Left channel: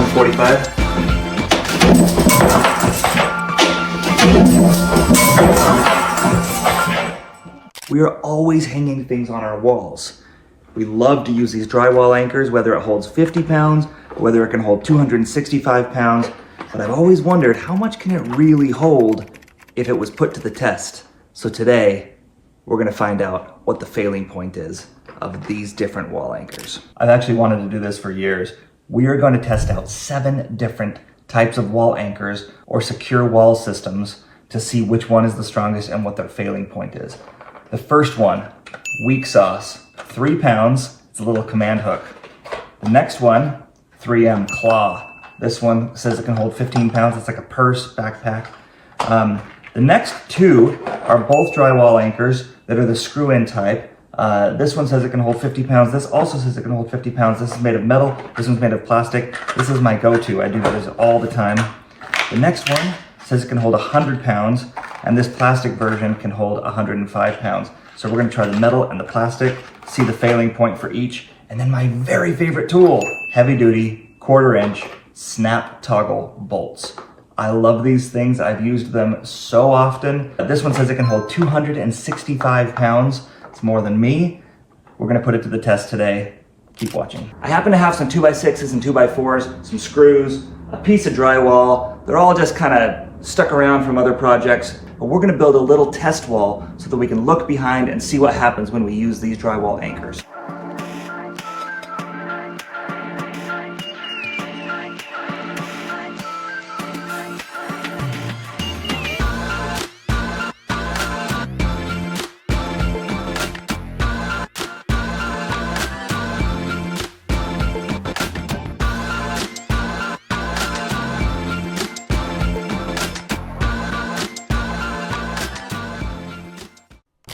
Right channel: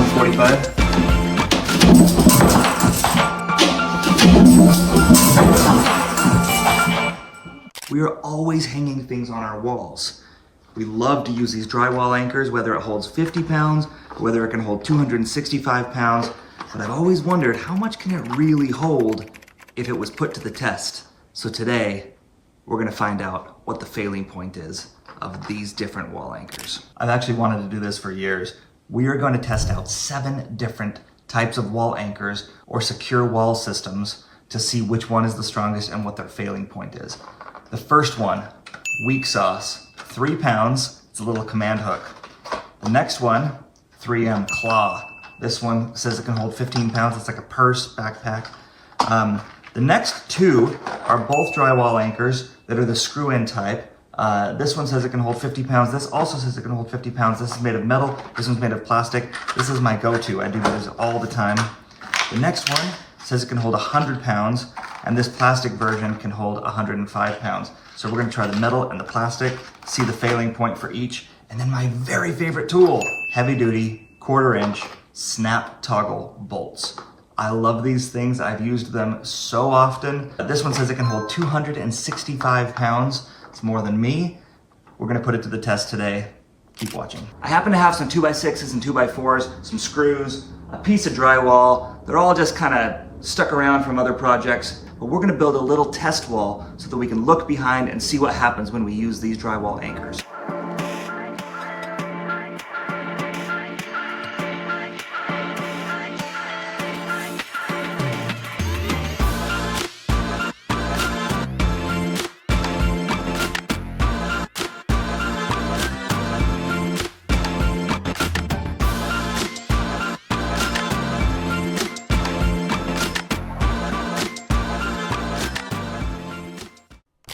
145. We are always hanging things on our walls. We love to use these drywall anchors, whether it holds 50 pounds, or whether it can hold 265 pounds. But I've always wondered, how much can it really hold if it was put to the test? So today, we're gonna find out what the failing point is of these different wall anchors. I've actually wanted to do this for years. We are going to test out 7 different types of wall anchors or secure wall systems to see which one is the strongest and what their failing point is. The first one, Weak Sauce, 3 pounds, it's a little command hook. The next one, 3M Claw. This one says it can hold 15 pounds, it's like a purse, backpack. The next 2 are both drywall anchors that are the screw-in type. This one says it can hold 50 pounds. This also says it can hold 50 pounds. This is made of metal. This one's made of plastic. This is my go-to. I do this all the time. The next one says it can hold 100 pounds, and this plastic version can hold 105 pounds. So we're gonna try the metal and the plastic, see the failing point for each, and then my very favorite tool, heavy-duty, 1/4 inch, snap toggle bolts. I love these things. I've used them so often. This one says it can hold 265 pounds. It's more than me. We're gonna put it to the test today. Keep watching. I happen to have some 2x6s and 2x4s, some screws, a piece of drywall. They're all just kind of stuck around from other projects, but we're gonna build a little test wall so that we can look behind and see what happens when we use these drywall anchors.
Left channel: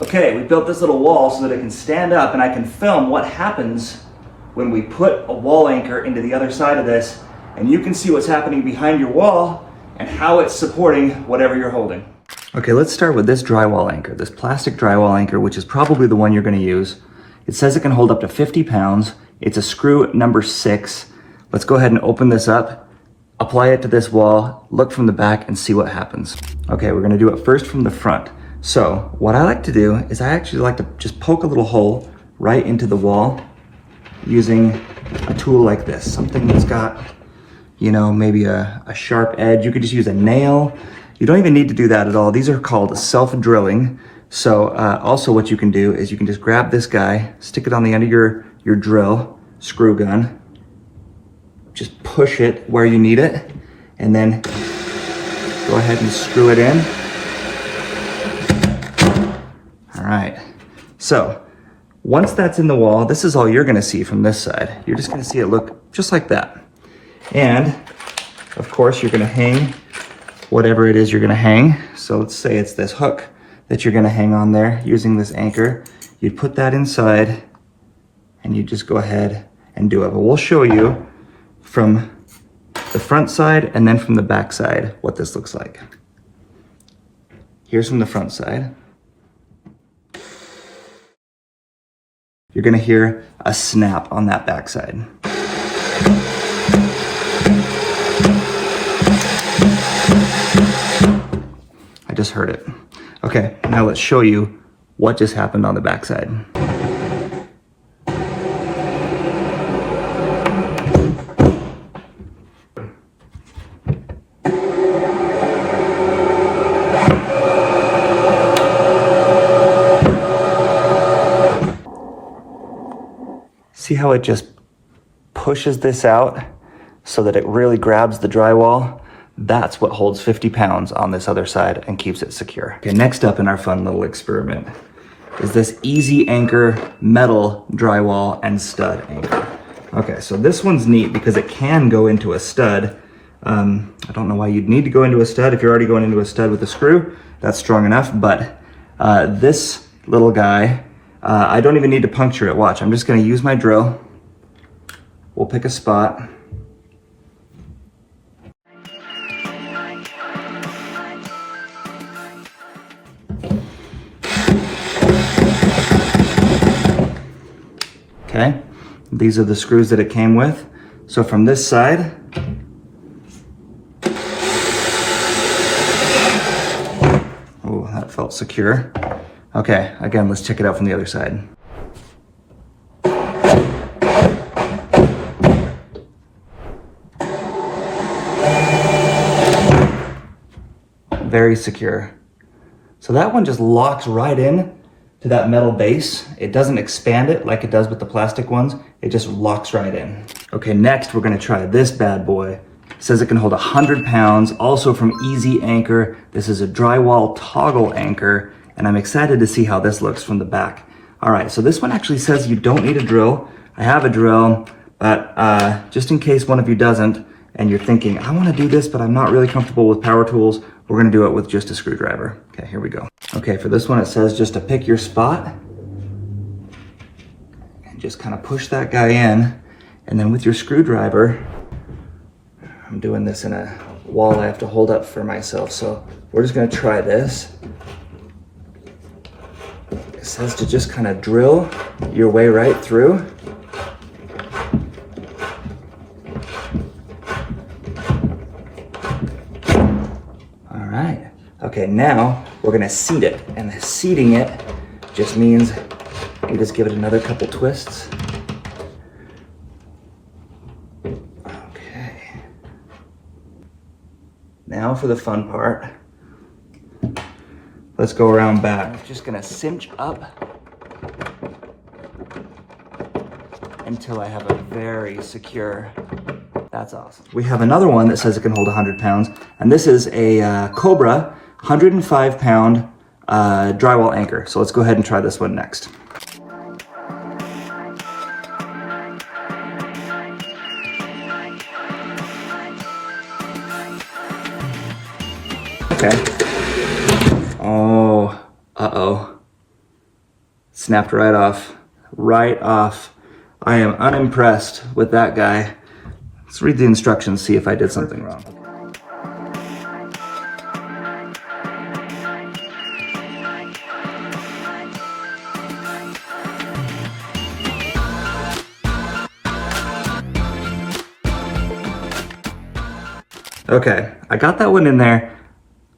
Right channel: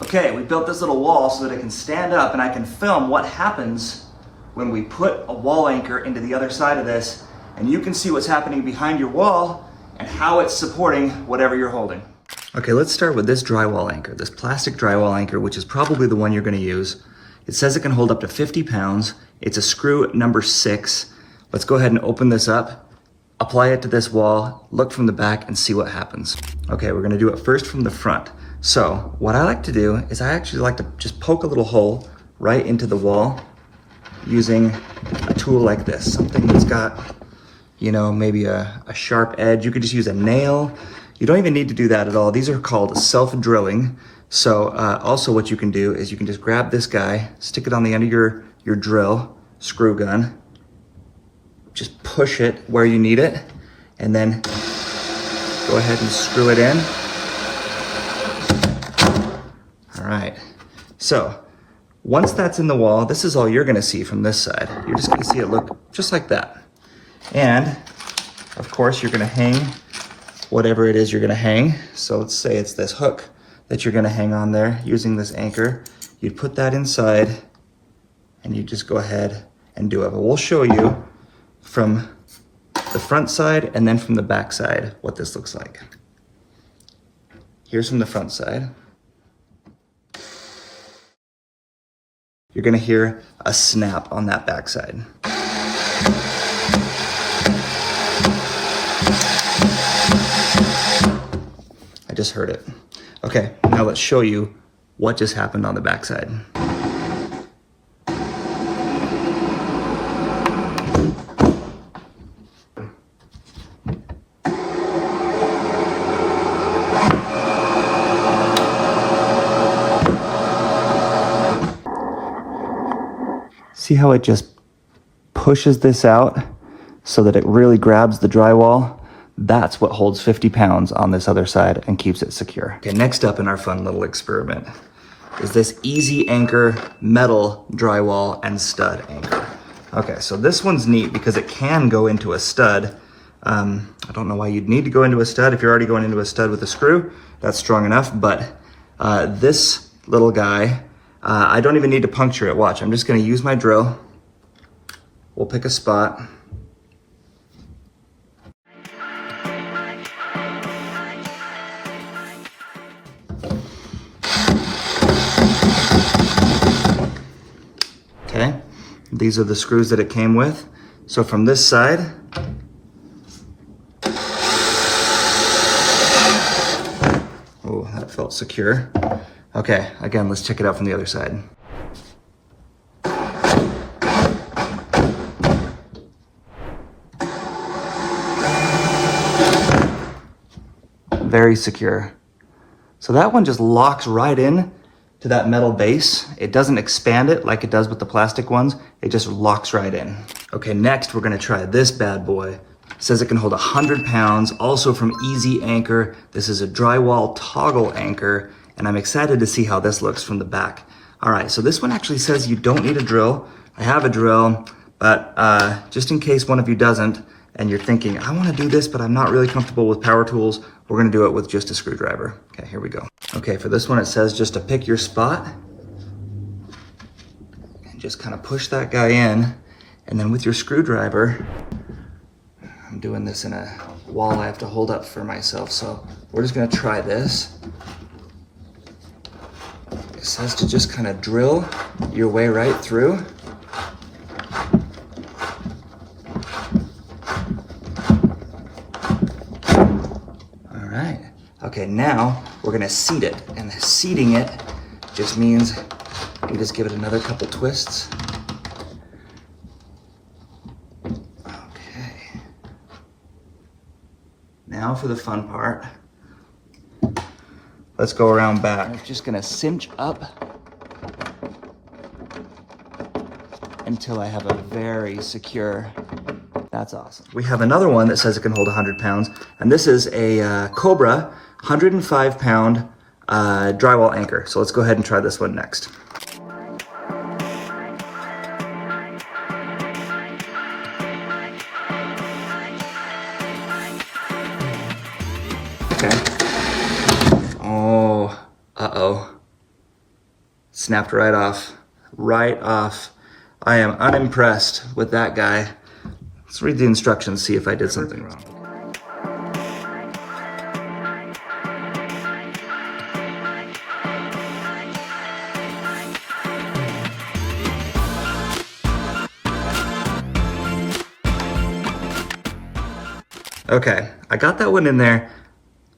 Okay, we built this little wall so that it can stand up and I can film what happens when we put a wall anchor into the other side of this, and you can see what's happening behind your wall and how it's supporting whatever you're holding. Okay, let's start with this drywall anchor, this plastic drywall anchor, which is probably the one you're gonna use. It says it can hold up to 50 pounds. It's a screw number 6. Let's go ahead and open this up, apply it to this wall, look from the back and see what happens. Okay, we're gonna do it first from the front. So what I like to do is I actually like to just poke a little hole right into the wall using a tool like this, something that's got, you know, maybe a sharp edge. You could just use a nail. You don't even need to do that at all. These are called self-drilling. So also what you can do is you can just grab this guy, stick it on the end of your drill, screw gun, just push it where you need it, and then go ahead and screw it in. All right, so once that's in the wall, this is all you're gonna see from this side. You're just gonna see it look just like that. And of course, you're gonna hang whatever it is you're gonna hang. So let's say it's this hook that you're gonna hang on there using this anchor. You'd put that inside and you just go ahead and do it. But we'll show you from the front side and then from the back side what this looks like. Here's from the front side. You're gonna hear a snap on that backside. I just heard it. Okay, now let's show you what just happened on the backside. See how it just pushes this out so that it really grabs the drywall? That's what holds 50 pounds on this other side and keeps it secure. Okay, next up in our fun little experiment is this easy anchor metal drywall and stud anchor. Okay, so this one's neat because it can go into a stud. I don't know why you'd need to go into a stud. If you're already going into a stud with a screw, that's strong enough, but this little guy, I don't even need to puncture it. Watch, I'm just gonna use my drill. We'll pick a spot. Okay, these are the screws that it came with. So from this side, felt secure. Okay, again, let's check it out from the other side. Very secure. So that one just locks right in to that metal base. It doesn't expand it like it does with the plastic ones. It just locks right in. Okay, next we're gonna try this bad boy. It says it can hold 100 pounds, also from Easy Anchor. This is a drywall toggle anchor, and I'm excited to see how this looks from the back. All right, so this one actually says you don't need a drill. I have a drill, but just in case one of you doesn't, and you're thinking, I wanna do this, but I'm not really comfortable with power tools, we're gonna do it with just a screwdriver. Okay, here we go. Okay, for this one, it says just to pick your spot and just kind of push that guy in. And then with your screwdriver, I'm doing this in a wall I have to hold up for myself. So we're just gonna try this. It says to just kind of drill your way right through. Okay, now we're gonna seat it, and seating it just means we just give it another couple twists. Okay. Now for the fun part. Let's go around back. I'm just gonna cinch up until I have a very secure. That's awesome. We have another one that says it can hold 100 pounds, and this is a Cobra 105 pound drywall anchor. So let's go ahead and try this one next. Okay. Oh, uh-oh. Snapped right off. Right off. I am unimpressed with that guy. Let's read the instructions, see if I did something wrong. Okay, I got that one in there.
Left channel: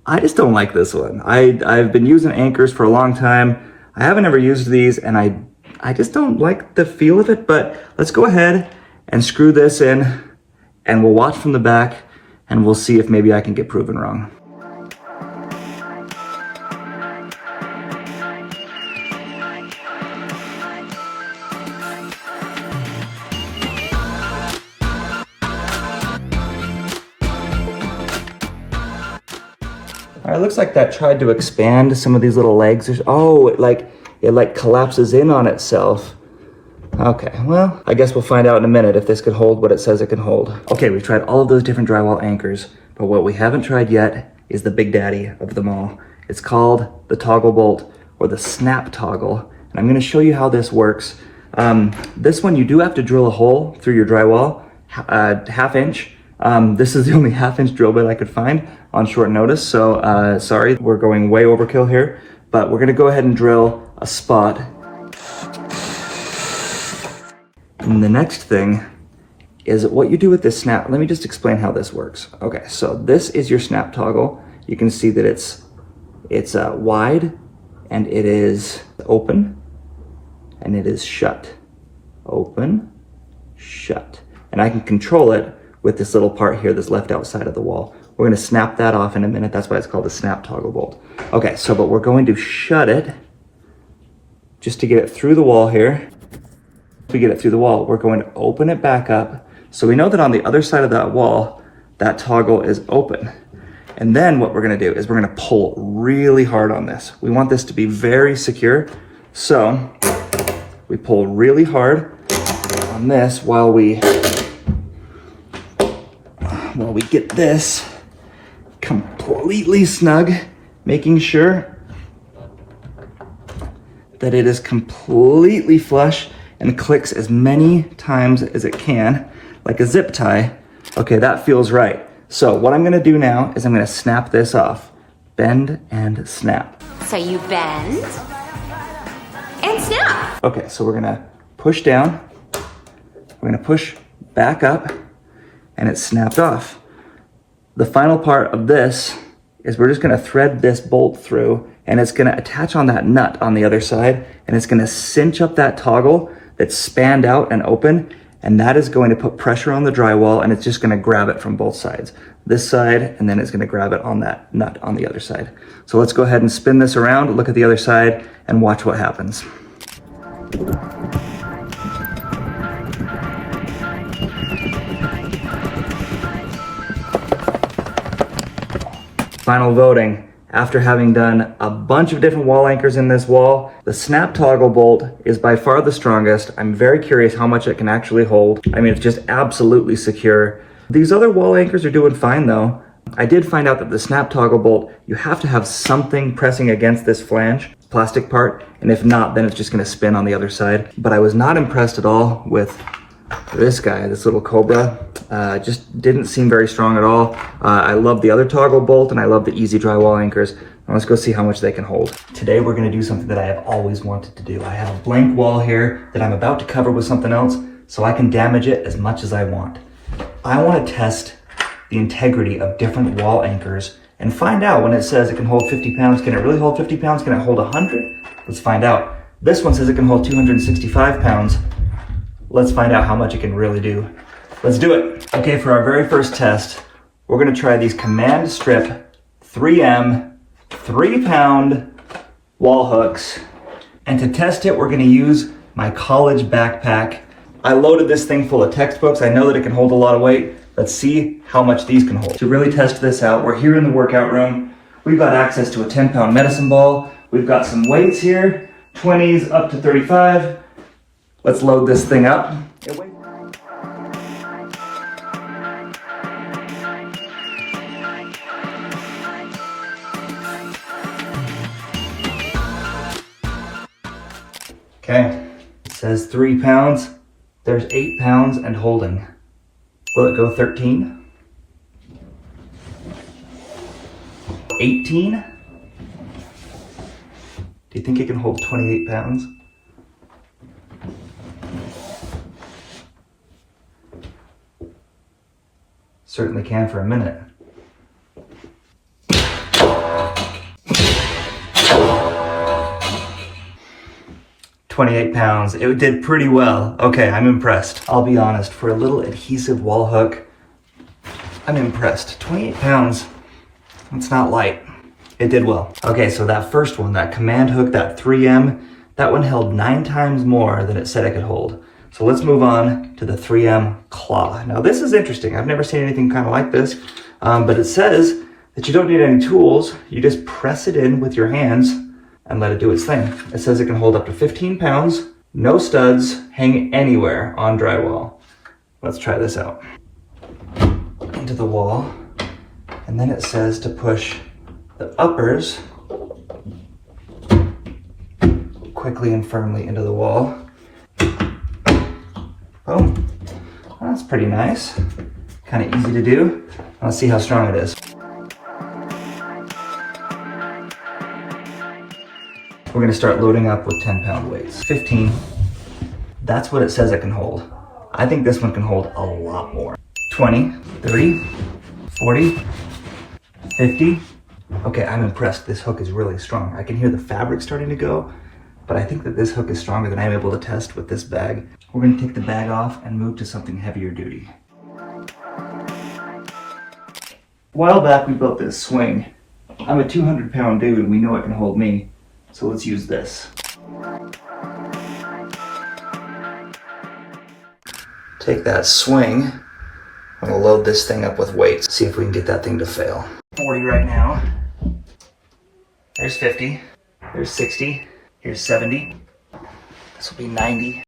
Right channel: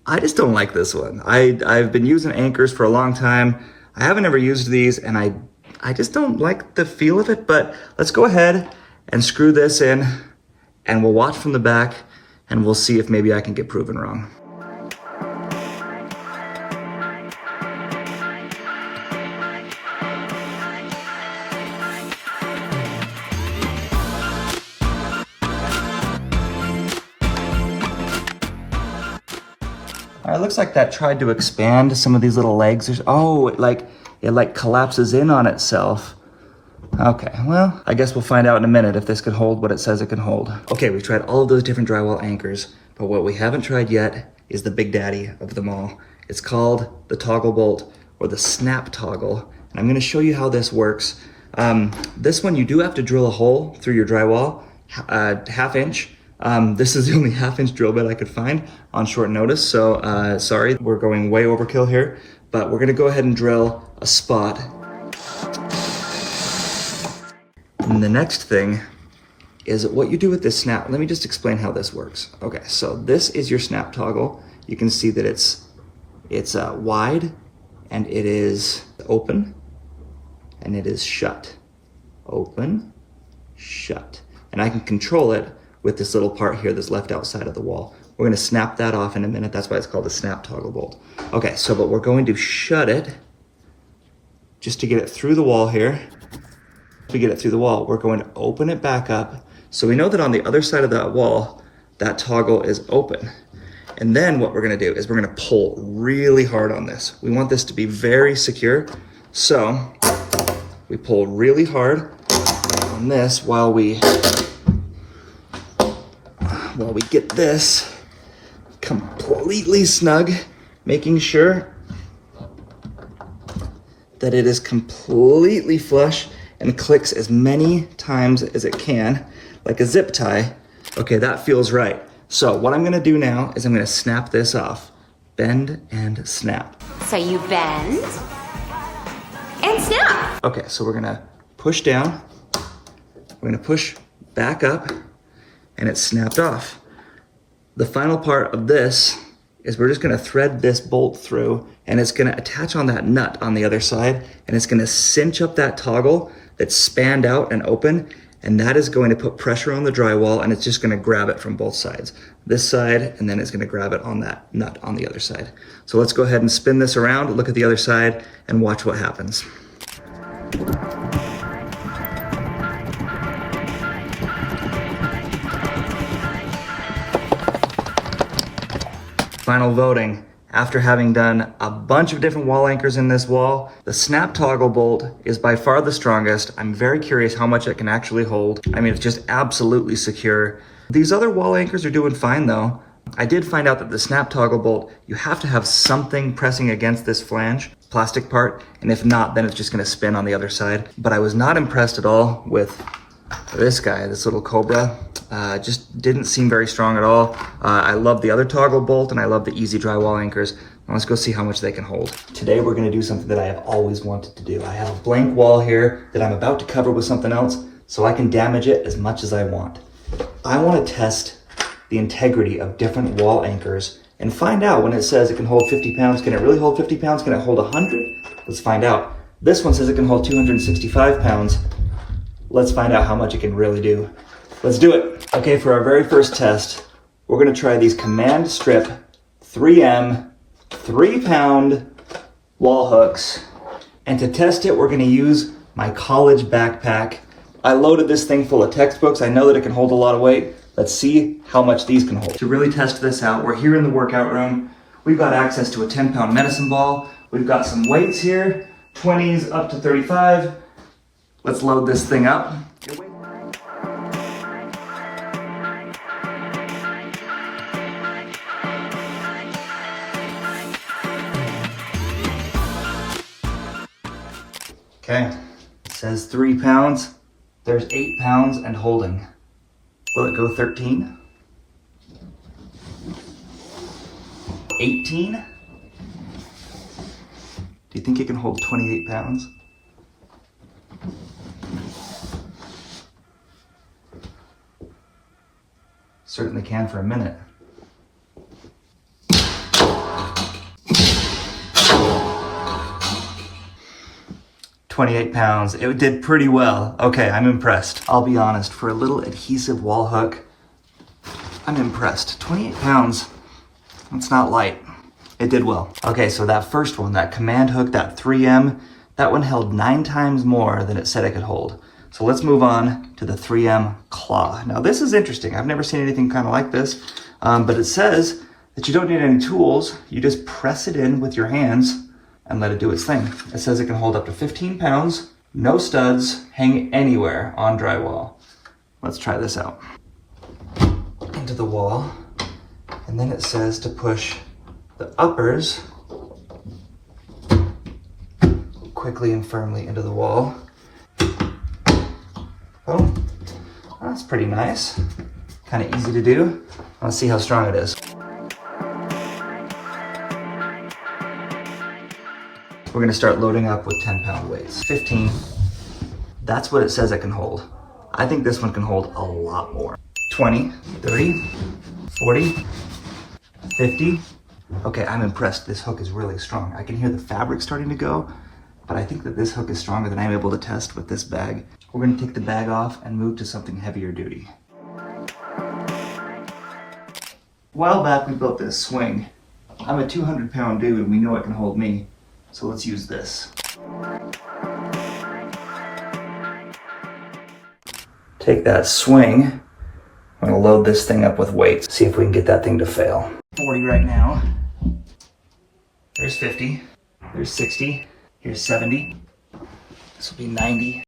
I just don't like this one. I've been using anchors for a long time. I haven't ever used these, and I just don't like the feel of it, but let's go ahead and screw this in, and we'll watch from the back, and we'll see if maybe I can get proven wrong. It looks like that tried to expand some of these little legs. Oh, it like collapses in on itself. Okay, well, I guess we'll find out in a minute if this could hold what it says it can hold. Okay, we've tried all of those different drywall anchors, but what we haven't tried yet is the big daddy of them all. It's called the toggle bolt or the snap toggle, and I'm gonna show you how this works. This one, you do have to drill a hole through your drywall, ½ inch. This is the only ½ inch drill bit I could find on short notice, so sorry, we're going way overkill here, but we're gonna go ahead and drill a spot. And the next thing is what you do with this snap. Let me just explain how this works. Okay, so this is your snap toggle. You can see that it's wide, and it is open, and it is shut. Open, shut. And I can control it with this little part here that's left outside of the wall. We're gonna snap that off in a minute. That's why it's called the snap toggle bolt. Okay, so but we're going to shut it just to get it through the wall here. If we get it through the wall, we're going to open it back up. So we know that on the other side of that wall, that toggle is open. And then what we're gonna do is we're gonna pull really hard on this. We want this to be very secure. So we pull really hard on this while we get this completely snug, making sure that it is completely flush and clicks as many times as it can, like a zip tie. Okay, that feels right. So what I'm gonna do now is I'm gonna snap this off. Bend and snap. So you bend and snap. Okay, so we're gonna push down, we're gonna push back up, and it's snapped off. The final part of this is we're just gonna thread this bolt through, and it's gonna attach on that nut on the other side, and it's gonna cinch up that toggle that's spanned out and open, and that is going to put pressure on the drywall, and it's just gonna grab it from both sides. This side, and then it's gonna grab it on that nut on the other side. So let's go ahead and spin this around, look at the other side, and watch what happens. Final voting. After having done a bunch of different wall anchors in this wall, the snap toggle bolt is by far the strongest. I'm very curious how much it can actually hold. I mean, it's just absolutely secure. These other wall anchors are doing fine though. I did find out that the snap toggle bolt, you have to have something pressing against this flange, plastic part, and if not, then it's just gonna spin on the other side. But I was not impressed at all with this guy, this little Cobra. Just didn't seem very strong at all. I love the other toggle bolt, and I love the easy drywall anchors. Now let's go see how much they can hold. Today we're gonna do something that I have always wanted to do. I have a blank wall here that I'm about to cover with something else, so I can damage it as much as I want. I wanna test the integrity of different wall anchors and find out when it says it can hold 50 pounds, can it really hold 50 pounds? Can it hold 100? Let's find out. This one says it can hold 265 pounds. Let's find out how much it can really do. Let's do it. Okay, for our very first test, we're gonna try these Command Strip 3M 3-pound wall hooks. And to test it, we're gonna use my college backpack. I loaded this thing full of textbooks. I know that it can hold a lot of weight. Let's see how much these can hold. To really test this out, we're here in the workout room. We've got access to a 10-pound medicine ball. We've got some weights here, 20s up to 35. Let's load this thing up. Okay, it says 3 pounds. There's 8 pounds and holding. Will it go 13? 18? Do you think it can hold 28 pounds? Certainly can for a minute. £28. It did pretty well. Okay, I'm impressed. I'll be honest, for a little adhesive wall hook, I'm impressed. 28 pounds, it's not light. It did well. Okay, so that first one, that command hook, that 3M, that one held 9 times more than it said it could hold. So let's move on to the 3M claw. Now this is interesting. I've never seen anything kind of like this, but it says that you don't need any tools. You just press it in with your hands and let it do its thing. It says it can hold up to 15 pounds, no studs, hang anywhere on drywall. Let's try this out. Into the wall, and then it says to push the uppers quickly and firmly into the wall. Oh, that's pretty nice. Kind of easy to do. Let's see how strong it is. We're gonna start loading up with 10-pound weights. 15, that's what it says it can hold. I think this one can hold a lot more. 20, 30, 40, 50. Okay, I'm impressed. This hook is really strong. I can hear the fabric starting to go, but I think that this hook is stronger than I'm able to test with this bag. We're gonna take the bag off and move to something heavier duty. A while back, we built this swing. I'm a 200-pound dude, and we know it can hold me. So let's use this. Take that swing. I'm gonna load this thing up with weights. See if we can get that thing to fail. 40 right now. There's 50. There's 60. Here's 70. This will be 90.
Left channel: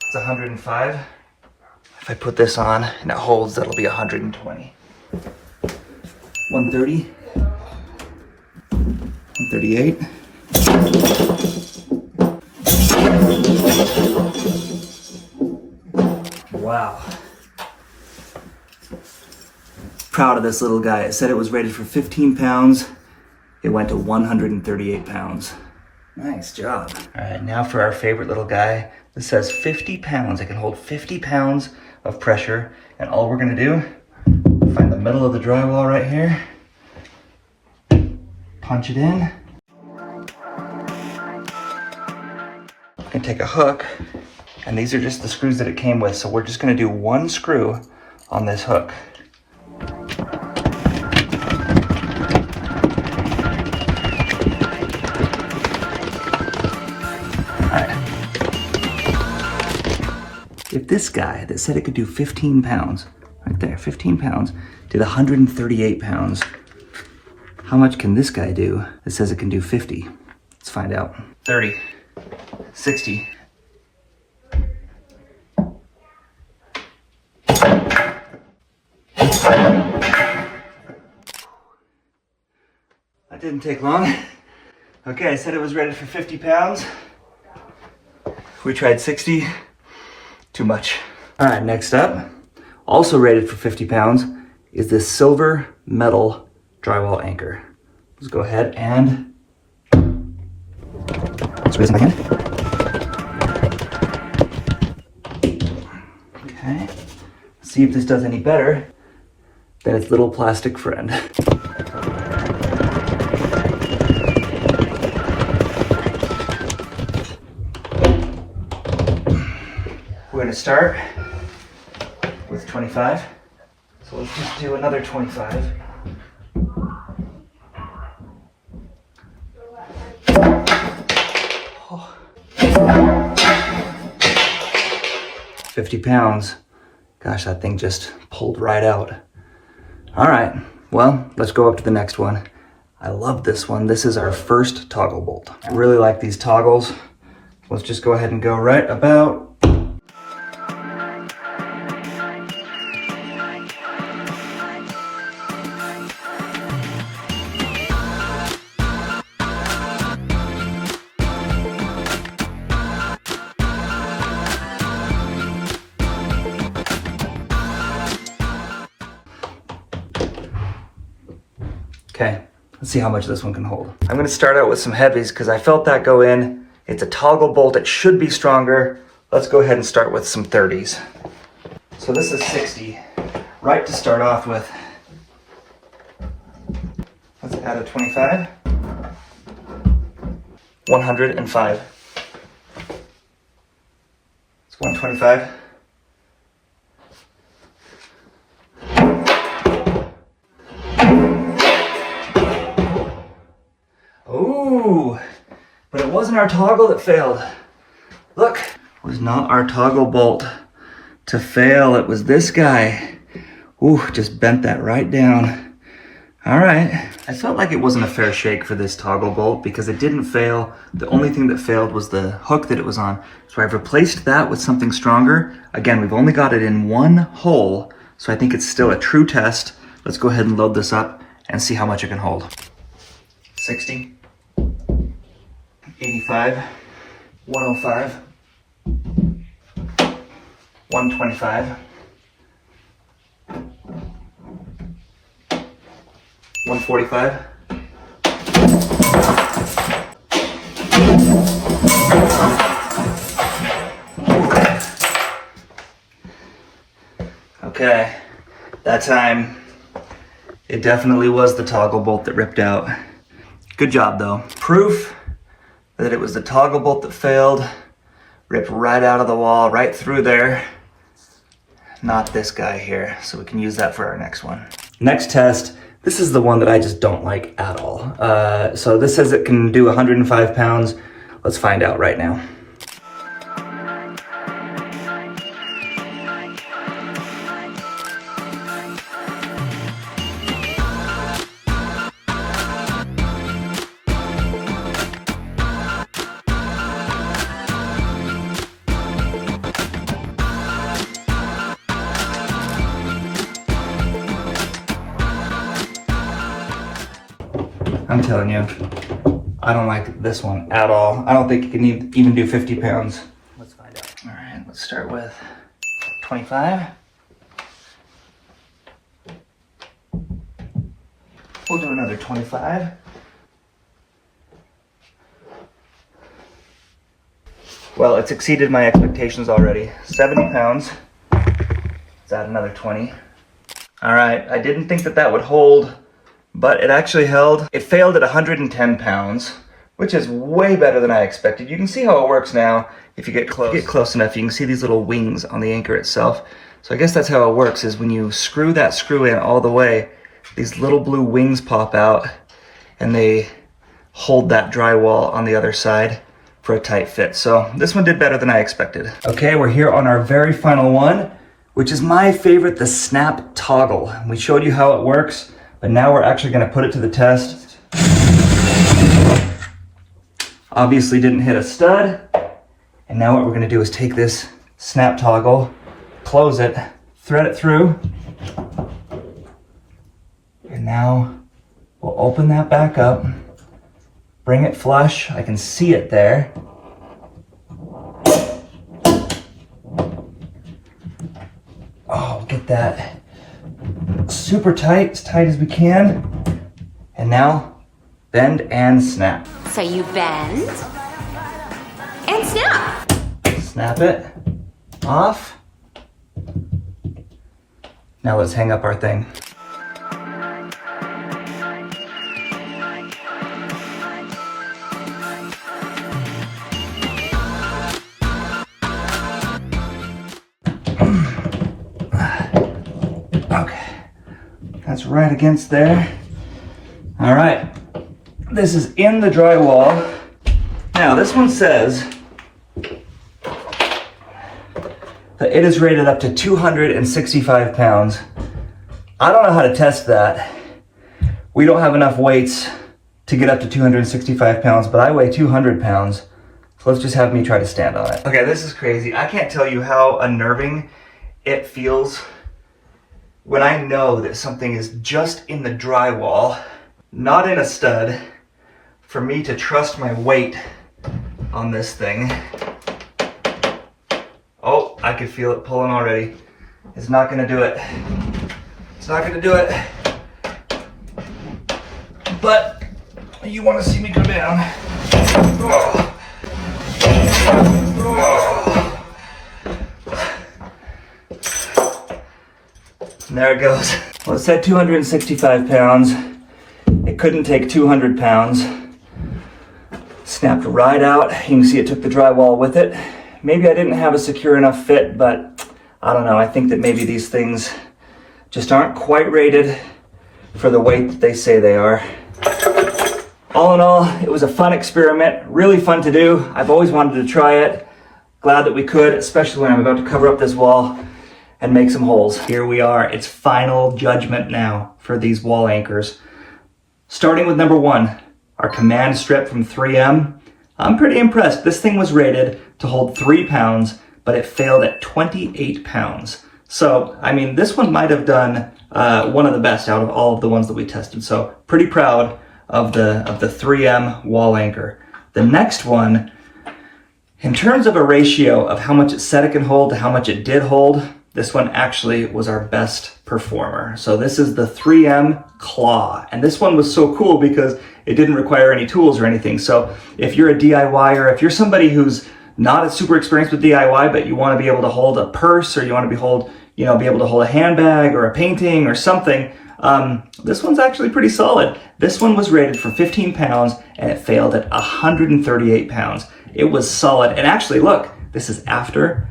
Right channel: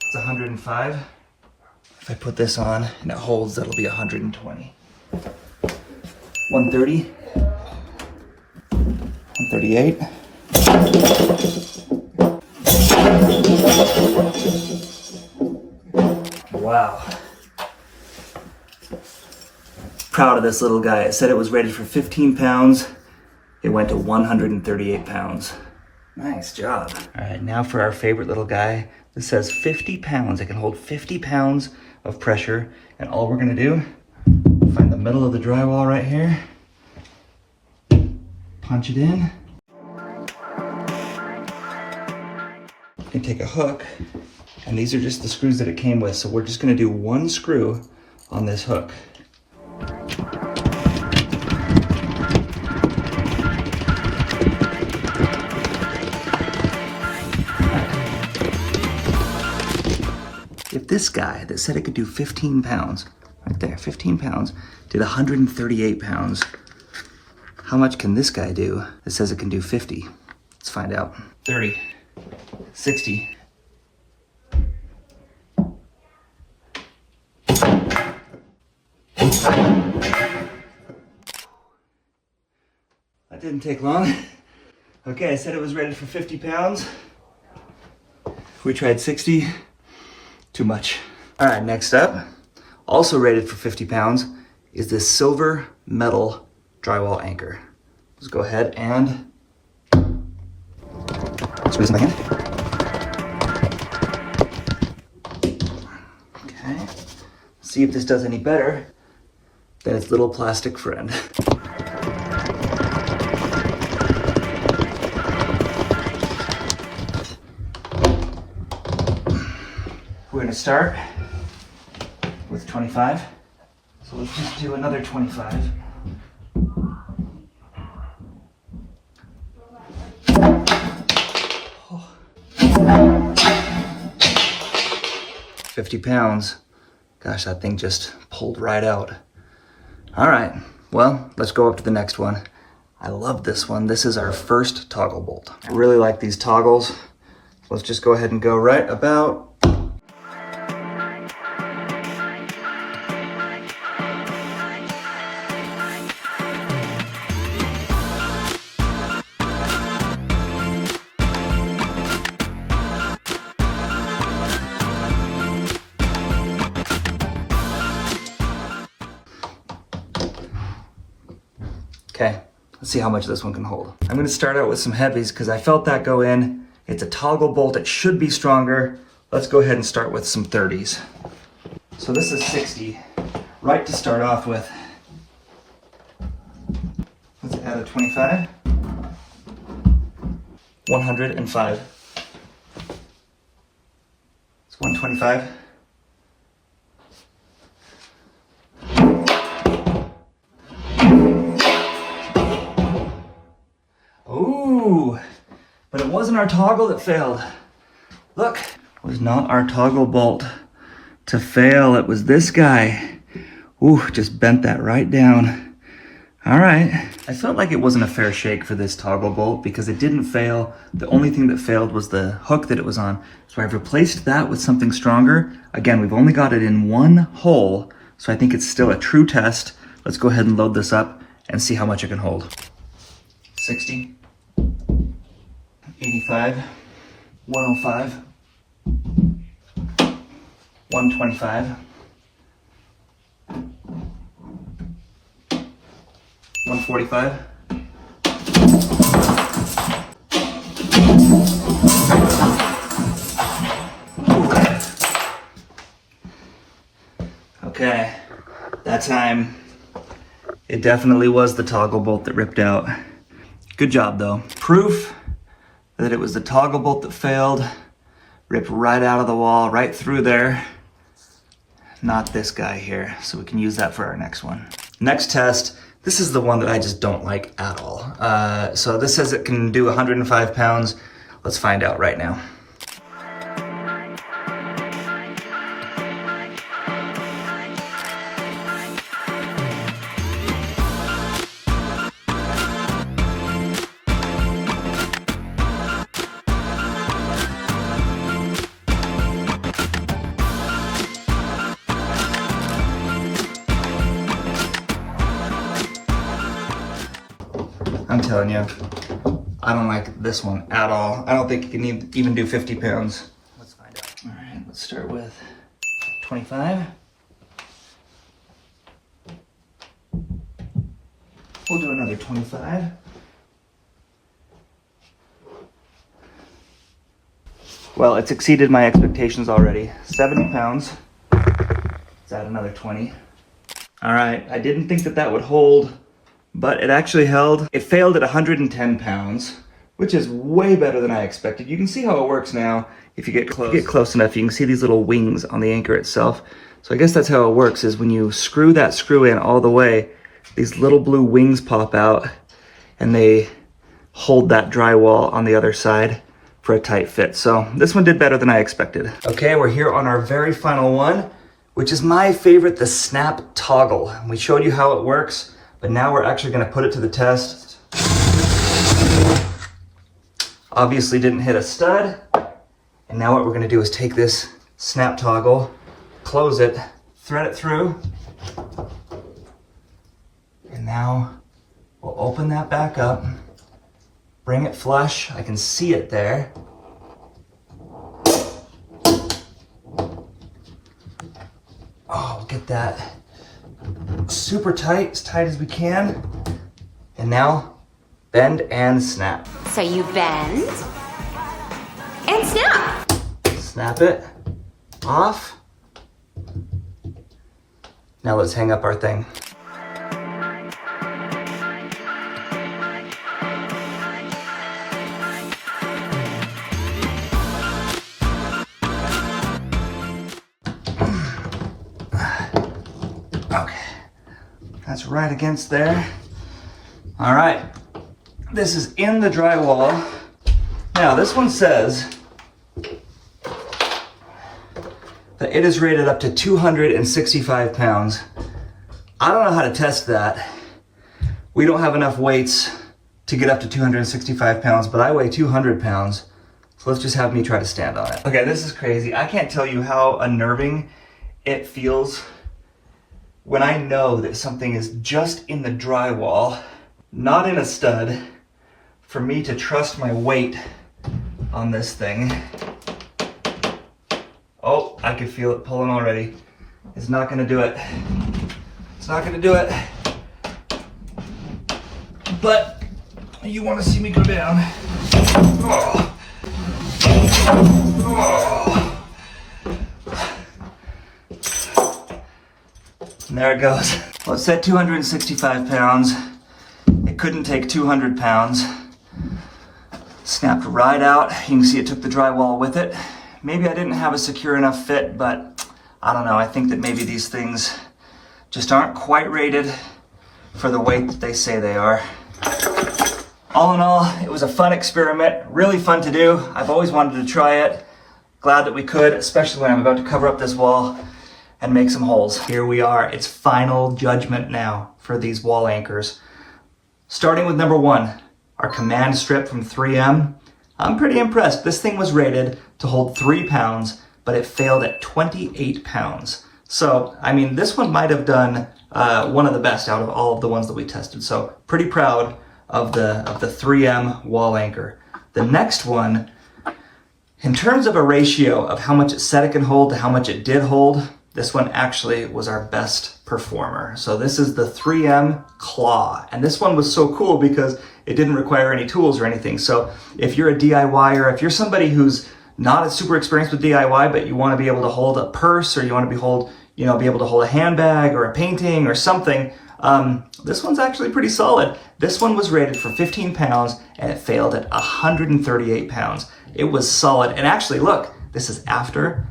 It's 105. If I put this on and it holds, that'll be 120. 130. 138. Wow. Proud of this little guy. It said it was rated for 15 pounds. It went to 138 pounds. Nice job. All right, now for our favorite little guy, This says 50 pounds. It can hold 50 pounds of pressure. And all we're gonna do, find the middle of the drywall right here, punch it in. I'm gonna take a hook, and these are just the screws that it came with. So we're just gonna do one screw on this hook. If this guy that said it could do 15 pounds, right there, 15 pounds, did 138 pounds, how much can this guy do that says it can do 50? Let's find out. 30, 60. That didn't take long. Okay, I said it was rated for 50 pounds. We tried 60. Too much. All right, next up, also rated for 50 pounds, is this silver metal drywall anchor. Let's go ahead and let's raise it back in. Okay, let's see if this does any better than its little plastic friend. We're gonna start with 25. So let's just do another 25. Oh. 50 pounds. Gosh, that thing just pulled right out. All right, well, let's go up to the next one. I love this one. This is our first toggle bolt. I really like these toggles. Let's just go ahead and go right about . Okay, let's see how much this one can hold. I'm gonna start out with some heavies because I felt that go in. It's a toggle bolt, it should be stronger. Let's go ahead and start with some 30s. So this is 60, right to start off with. Let's add a 25. 105. It's 125. Ooh, but it wasn't our toggle that failed. Look, it was not our toggle bolt to fail. It was this guy. Ooh, just bent that right down. All right. I felt like it wasn't a fair shake for this toggle bolt because it didn't fail. The only thing that failed was the hook that it was on. So I've replaced that with something stronger. Again, we've only got it in one hole, so I think it's still a true test. Let's go ahead and load this up and see how much it can hold. 60. 85, 105, 125, 145, okay, that time, it definitely was the toggle bolt that ripped out. Good job though. Proof that it was the toggle bolt that failed, ripped right out of the wall, right through there. Not this guy here, so we can use that for our next one. Next test, this is the one that I just don't like at all. So this says it can do 105 pounds. Let's find out right now. I'm telling you, I don't like this one at all. I don't think it can even do 50 pounds. Let's find out. All right, let's start with 25. We'll do another 25. Well, it's exceeded my expectations already. 70 pounds. Let's add another 20. All right, I didn't think that that would hold, but it actually held. It failed at 110 pounds, which is way better than I expected. You can see how it works now. If you get close enough, you can see these little wings on the anchor itself. So I guess that's how it works, is when you screw that screw in all the way, these little blue wings pop out and they hold that drywall on the other side for a tight fit. So this one did better than I expected. Okay, we're here on our very final one, which is my favorite, the snap toggle. We showed you how it works, but now we're actually gonna put it to the test. Obviously didn't hit a stud. And now what we're gonna do is take this snap toggle, close it, thread it through, and now we'll open that back up, bring it flush. I can see it there. Oh, we'll get that super tight, as tight as we can. And now, bend and snap. So you bend and snap. Snap it off. Now let's hang up our thing. Okay, that's right against there. All right, this is in the drywall. Now this one says that it is rated up to 265 pounds. I don't know how to test that. We don't have enough weights to get up to 265 pounds, but I weigh 200 pounds. So let's just have me try to stand on it. Okay, this is crazy. I can't tell you how unnerving it feels when I know that something is just in the drywall, not in a stud, for me to trust my weight on this thing. Oh, I can feel it pulling already. It's not gonna do it. It's not gonna do it. But you wanna see me go down. Oh. Oh. And there it goes. Well, it said 265 pounds. It couldn't take 200 pounds. Snapped right out. You can see it took the drywall with it. Maybe I didn't have a secure enough fit, but I don't know. I think that maybe these things just aren't quite rated for the weight that they say they are. All in all, it was a fun experiment, really fun to do. I've always wanted to try it. Glad that we could, especially when I'm about to cover up this wall and make some holes. Here we are. It's final judgment now for these wall anchors. Starting with number one, our command strip from 3M. I'm pretty impressed. This thing was rated to hold 3 pounds, but it failed at 28 pounds. So, I mean, this one might have done one of the best out of all of the ones that we tested. So, pretty proud of the 3M wall anchor. The next one, in terms of a ratio of how much it said it can hold to how much it did hold, this one actually was our best performer. So this is the 3M Claw. And this one was so cool because it didn't require any tools or anything. So if you're a DIYer, if you're somebody who's not super experienced with DIY, but you want to be able to hold a purse, or you want to be able to hold a handbag or a painting or something, this one's actually pretty solid. This one was rated for 15 pounds and it failed at 138 pounds. It was solid. And actually, look, this is after.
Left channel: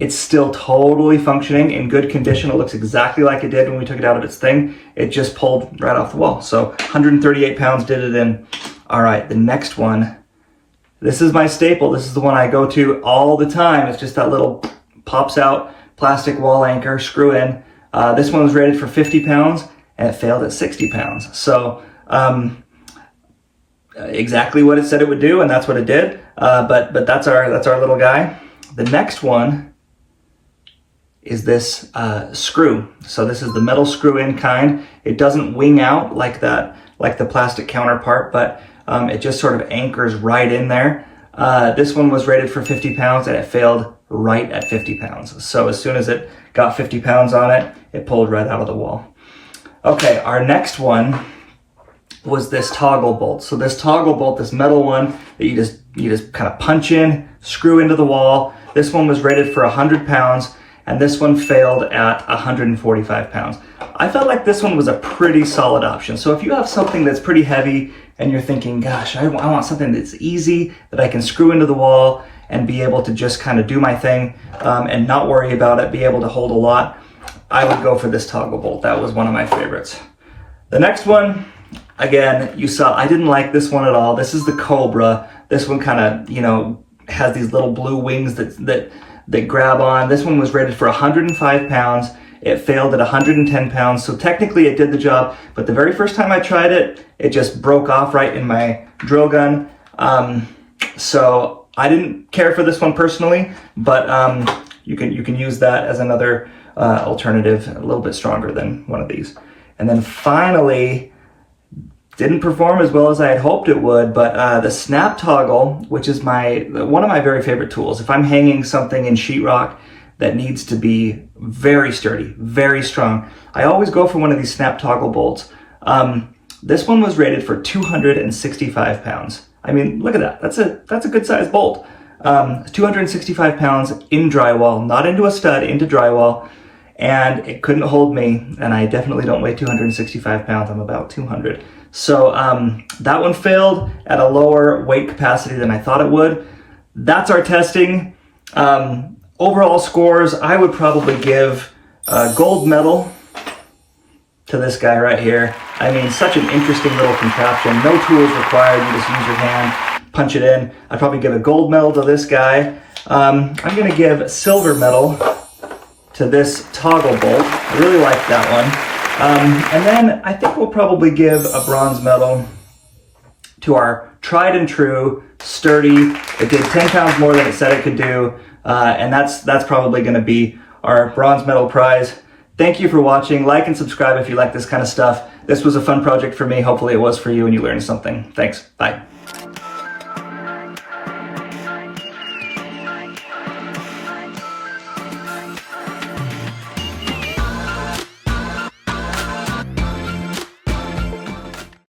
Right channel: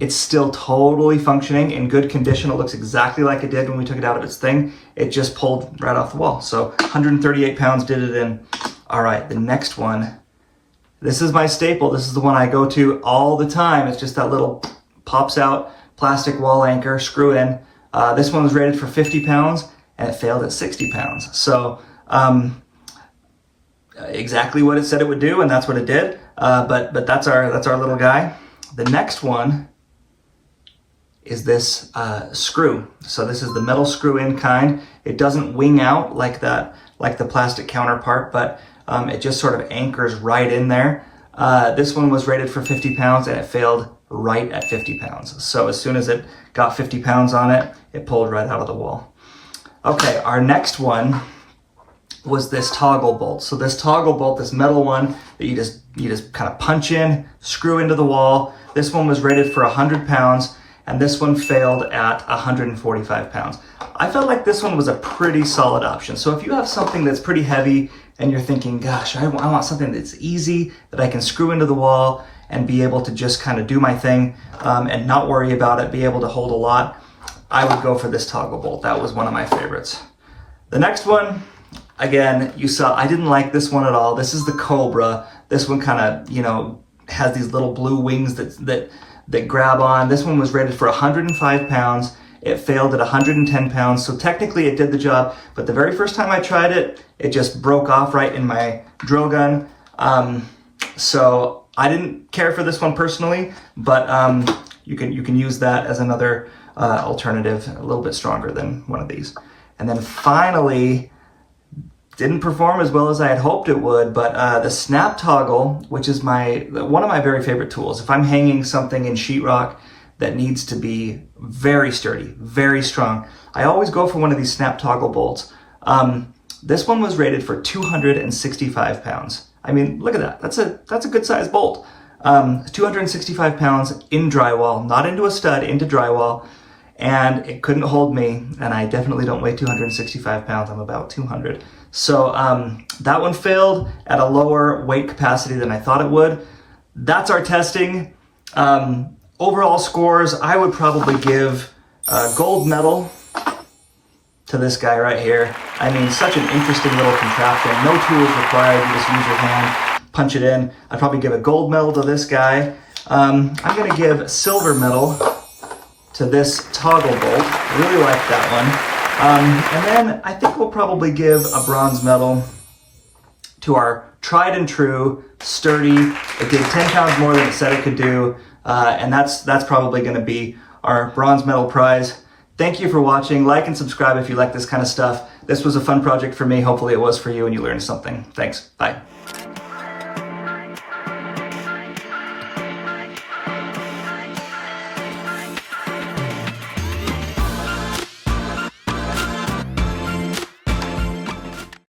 It's still totally functioning, in good condition. It looks exactly like it did when we took it out of its thing. It just pulled right off the wall. So 138 pounds did it in. All right, the next one. This is my staple. This is the one I go to all the time. It's just that little pops out plastic wall anchor, screw in. This one was rated for 50 pounds and it failed at 60 pounds. So exactly what it said it would do, and that's what it did. But that's our little guy. The next one is this screw. So this is the metal screw in kind. It doesn't wing out like that, like the plastic counterpart, but it just sort of anchors right in there. This one was rated for 50 pounds and it failed right at 50 pounds. So as soon as it got 50 pounds on it, it pulled right out of the wall. Okay, our next one was this toggle bolt. So this toggle bolt, this metal one that you just you just kind of punch in, screw into the wall. This one was rated for 100 pounds, and this one failed at 145 pounds. I felt like this one was a pretty solid option. So if you have something that's pretty heavy and you're thinking, gosh, I want something that's easy, that I can screw into the wall and be able to just kind of do my thing and not worry about it, be able to hold a lot, I would go for this toggle bolt. That was one of my favorites. The next one, again, you saw, I didn't like this one at all. This is the Cobra. This one kind of, you know, has these little blue wings that grab on. This one was rated for 105 pounds. It failed at 110 pounds. So technically it did the job, but the very first time I tried it, it just broke off right in my drill gun. So I didn't care for this one personally, but you can use that as another alternative, a little bit stronger than one of these. And then finally, didn't perform as well as I had hoped it would, but the snap toggle, which is one of my very favorite tools. If I'm hanging something in sheetrock that needs to be very sturdy, very strong, I always go for one of these snap toggle bolts. This one was rated for 265 pounds. I mean, look at that. That's a good size bolt. 265 pounds in drywall, not into a stud, into drywall. And it couldn't hold me, and I definitely don't weigh 265 pounds. I'm about 200. So that one failed at a lower weight capacity than I thought it would. That's our testing. Overall scores, I would probably give a gold medal to this guy right here. I mean, such an interesting little contraption. No tools required. You just use your hand, punch it in. I'd probably give a gold medal to this guy. I'm going to give silver medal to this toggle bolt. I really like that one. And then I think we'll probably give a bronze medal to our tried and true, sturdy, it did 10 pounds more than it said it could do, and that's probably gonna be our bronze medal prize. Thank you for watching. Like and subscribe if you like this kind of stuff. This was a fun project for me. Hopefully it was for you and you learned something. Thanks, bye.